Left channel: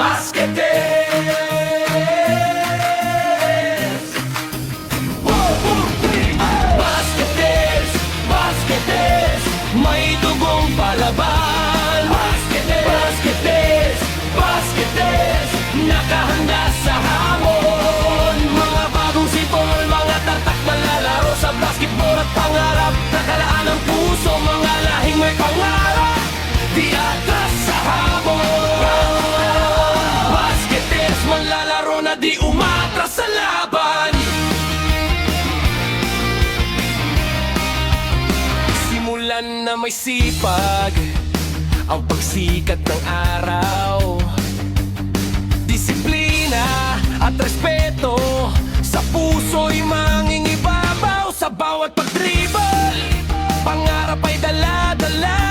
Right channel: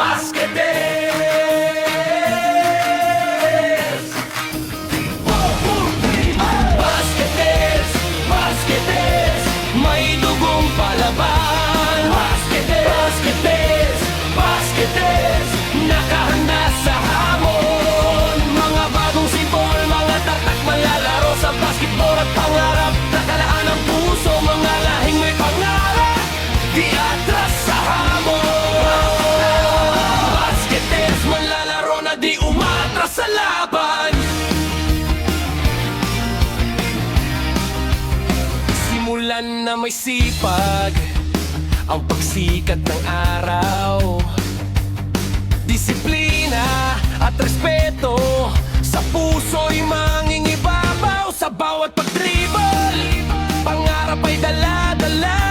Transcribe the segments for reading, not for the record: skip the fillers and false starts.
Basketeers! One, two, three, Basketeers! Basketeers! May dugong palaban. Basketeers! Basketeers! Nakahanda sa hamon. Mga bagong sipol, mga tatak malalaro sa basketball at pangarap. Nakalaan ang puso, mga lahing may pangarap. Di atras sa hamon. Basketeers, manlalaro na di umatras sa laban. Simulan na may sipag ang pagsikat ng araw. Disiplina at respeto sa puso'y mangingibabaw. Sa bawat pag-dribble, pangarap ay dala-dala.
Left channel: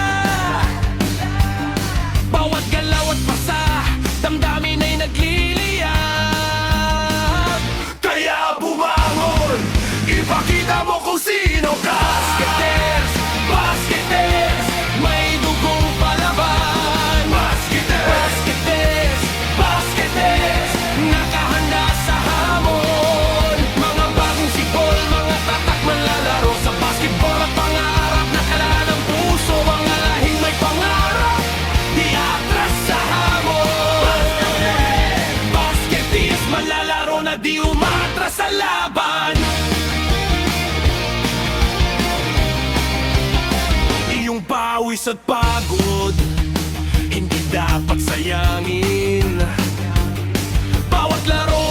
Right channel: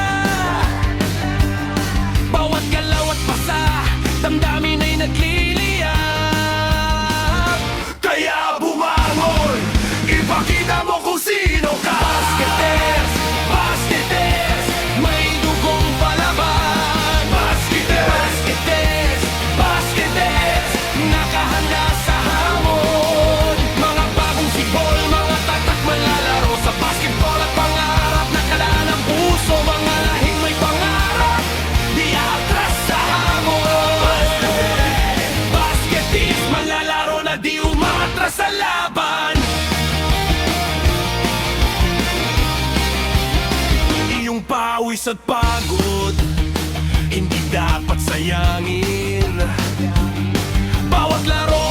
Bawat galaw at pasa, damdamin ay nagliliyab. Kaya bumangon, ipakita mo kung sino ka. Basketeers! Basketeers! May dugong palaban. Basketeers! Basketeers! Nakahanda sa hamon. Mga bagong sibol, mga tatak manlalaro sa basketball at pangarap. Nakalaan ang puso, mga lahing may pangarap. Di atras sa hamon. Basketeers, manlalaro na di umatras sa laban. Iyong pawis at pagod hindi dapat sayangin. Bawat laro